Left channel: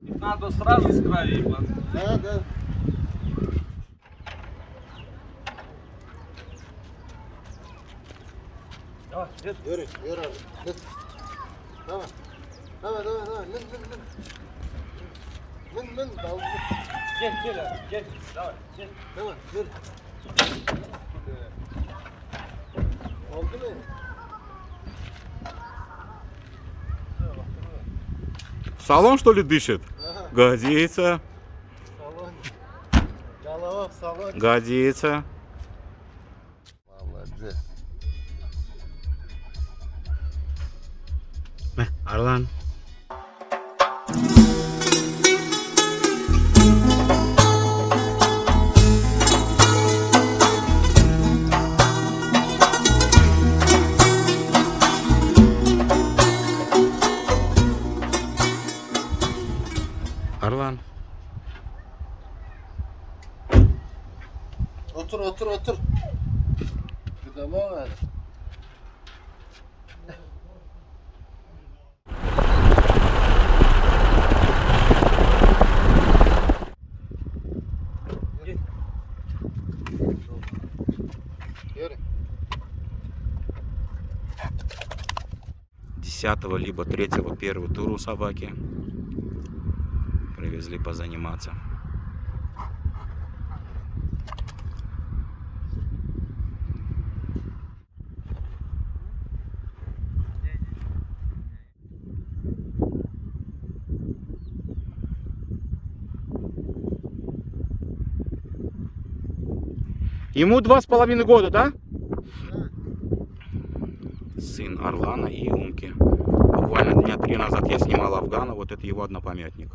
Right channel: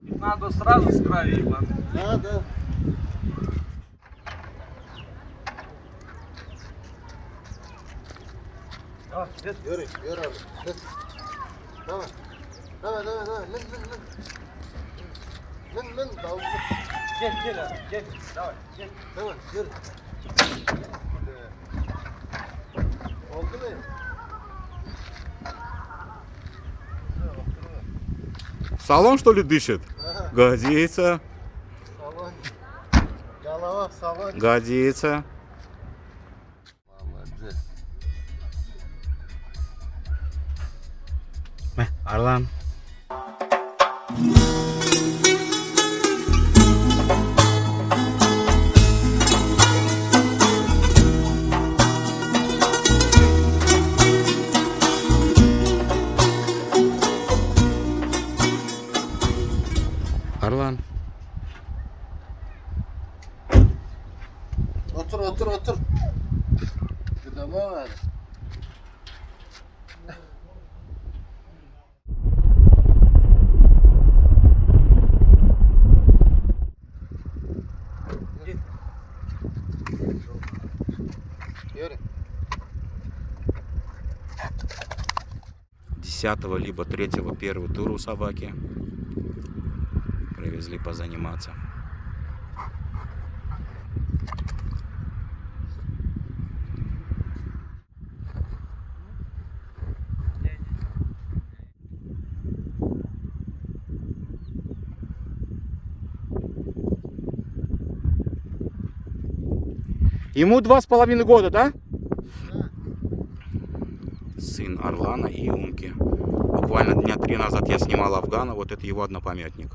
Надо сразу с крови, Да, да. Давай, держи. Yürü, yürü abi. Hadi. Tamam. Tamam, tamam, tamam. Mın, dalga. Gel abi, gel. Давай, gel. Tamam, yürü. Oldu mu? Салон, что ли, дышит? Aha, Годится, salon. Yalava, salon. годится. Vallahi güzel. Арлан. Арлан. Otur, otur, otur. Gıdama var. Yürü. 10-го либо 3-го первый тур у собаки. Привезли позаниматься. Ему 2,5 года, да? Сын Арлана и Умки. Буквально дня 3 назад я снимал Афгана, вот это его однопамятник.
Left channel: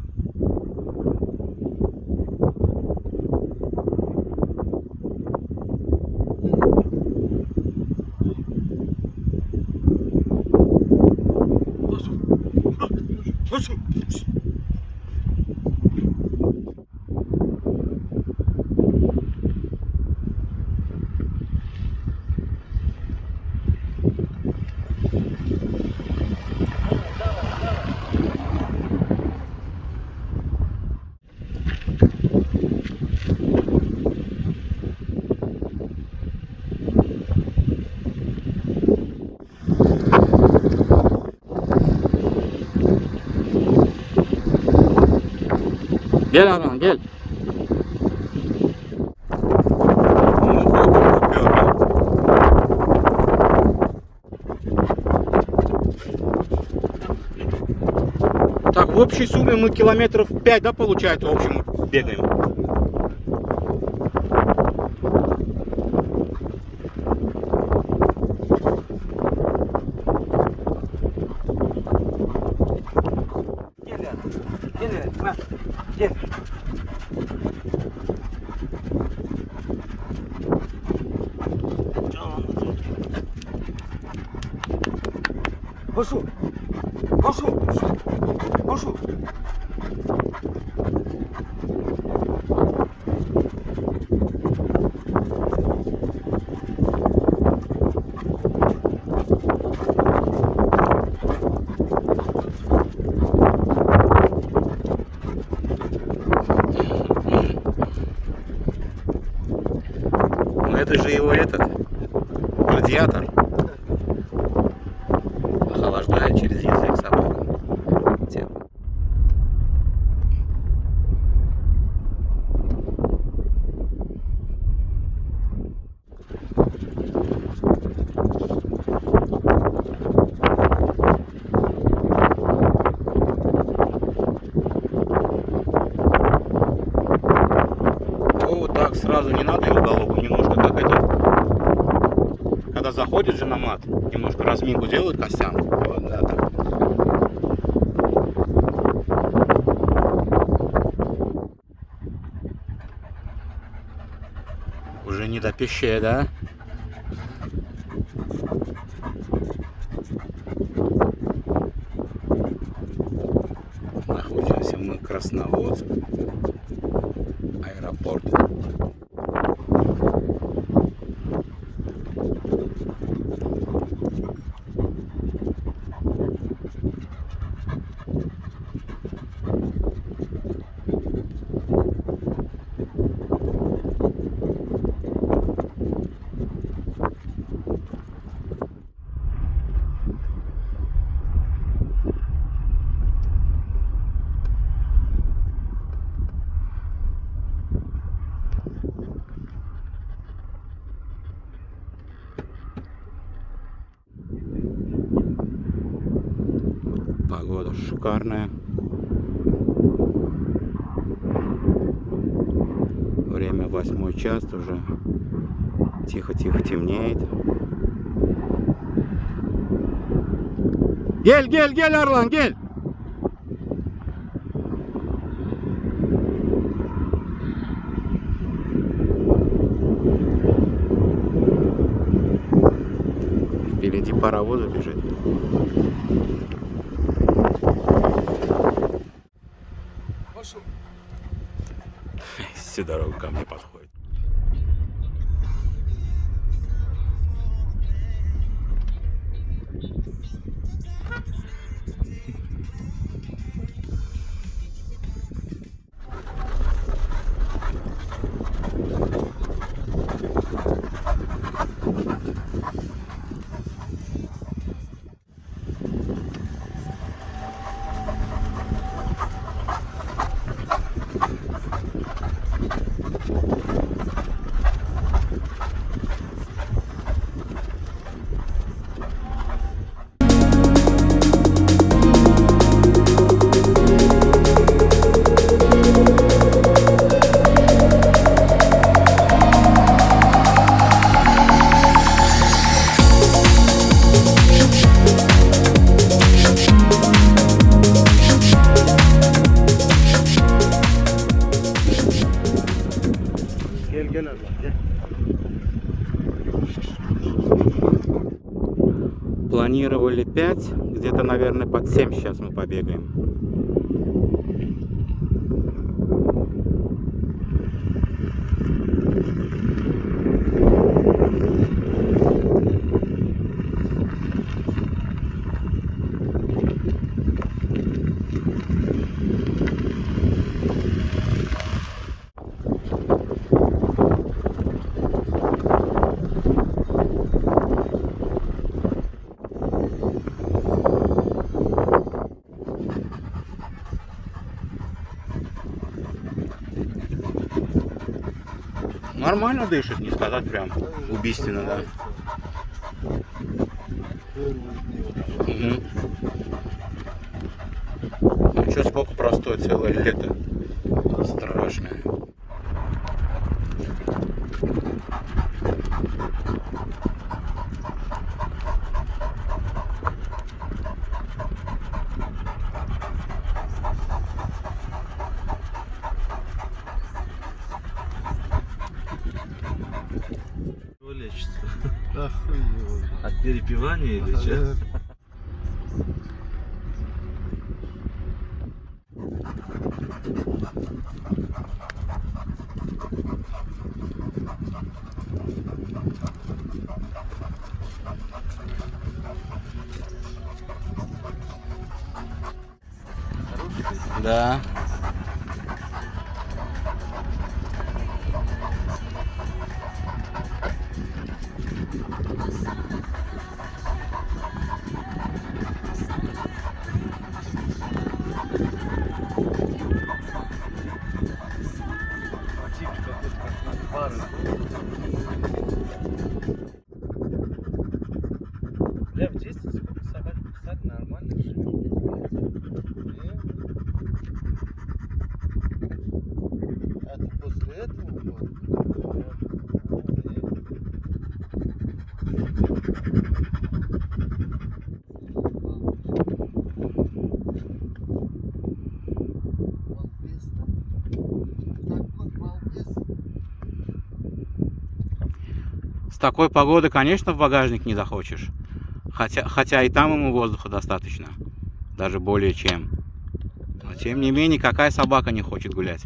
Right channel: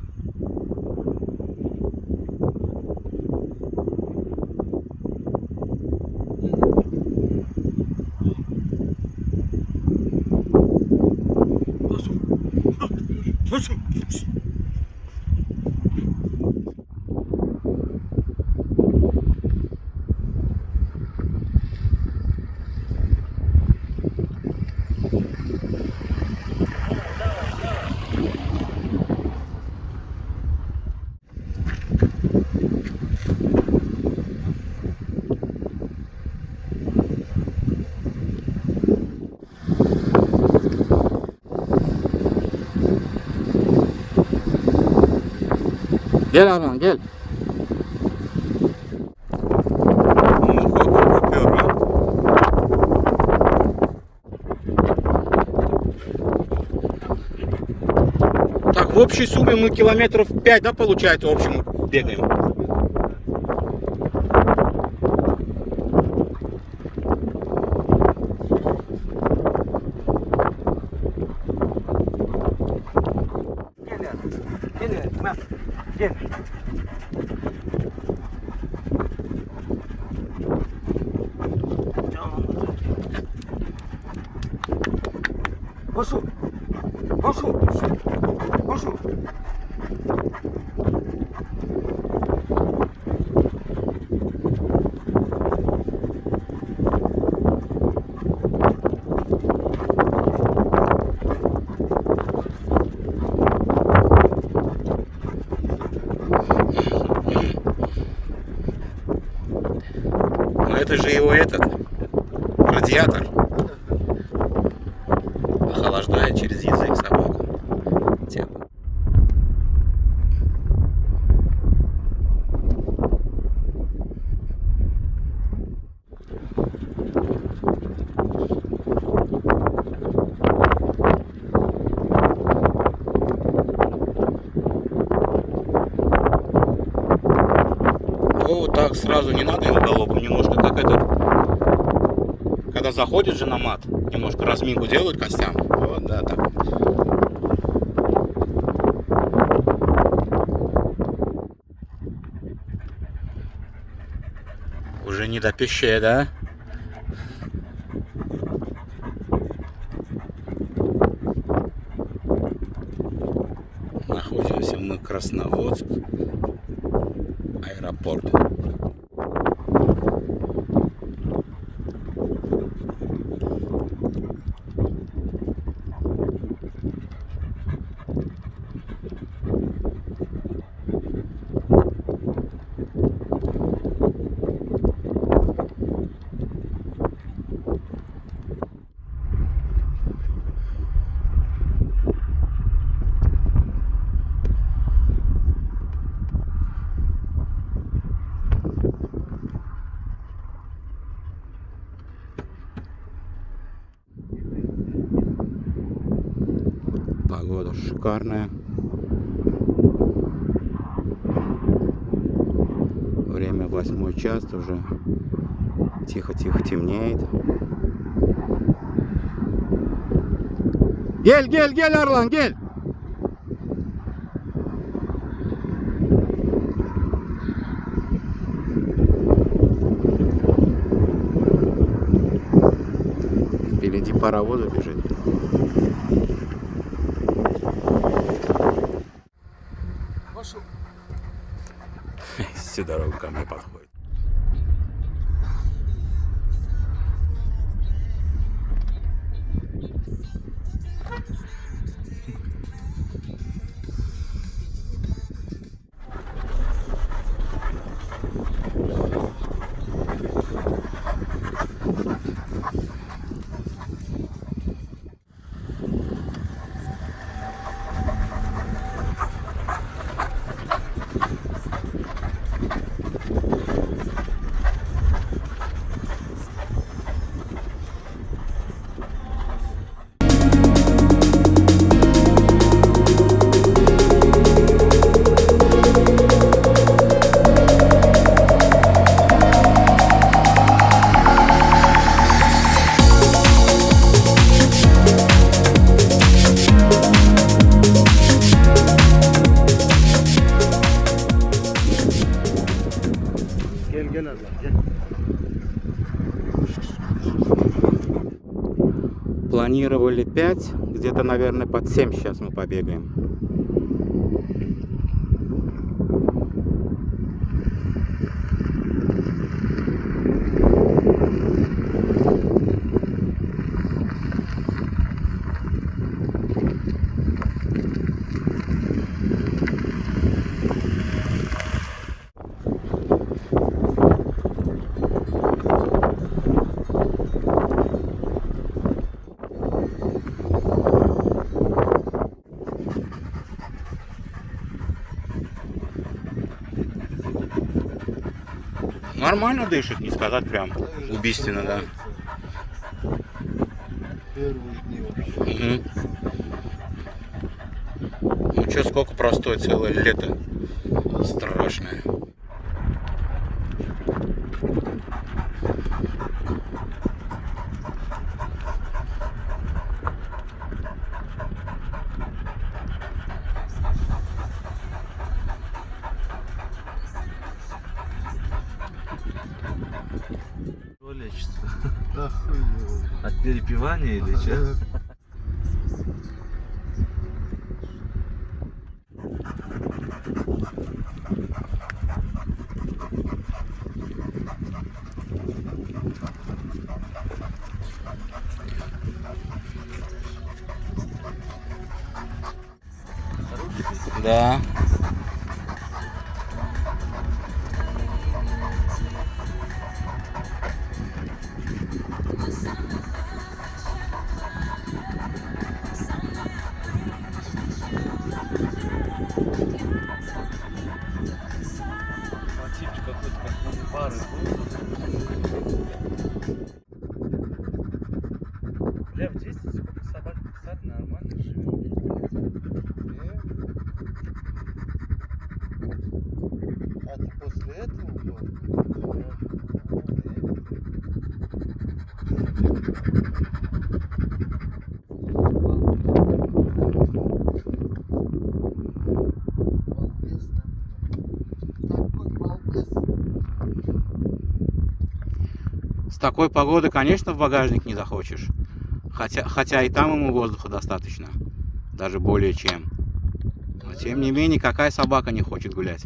Gel Arman gel. Так, в общей сумме мы километров 5, да, получается, в общем, бегаем. Gel. Пошел. Пошел. Пошел. Ну это же его этот радиатор охлаждает через язык собаку. Тело. Вот так сразу не надо его голову, немножко как этот, когда заходит же на мат, немножко разминку делают костям. Вот, да, так. Уже не до пищей, да? Находимся мы в Красноводск, аэропорт. Погода шикарная. Время 8 час, уже тихо-тихо темнеет. Гель, гель, гель, Орлан, гель! Впереди паровозы бежит. Всю дорогу ко мне подходит. Gel Erdoğan gel. Планировали 5, где-то, наверное, под 7 сейчас мы побегаем. Нормально дышит, не сказать прям убийственно, да. Угу. Ну что, сколько простой, целое лето. Страшное. Лечится. Охуенно. От перепивания или что? Да. Типчик какой-то, как пары. Бля, в детстве сколько собак кусали, нормально живет. А ты после этого был? Балбес, такой балбес. С такой погодой, конечно, в багажник не захочешь. Хотя и там ему воздуха достаточно. Даже более чем. Но тем не менее, какая собака не хочет гулять?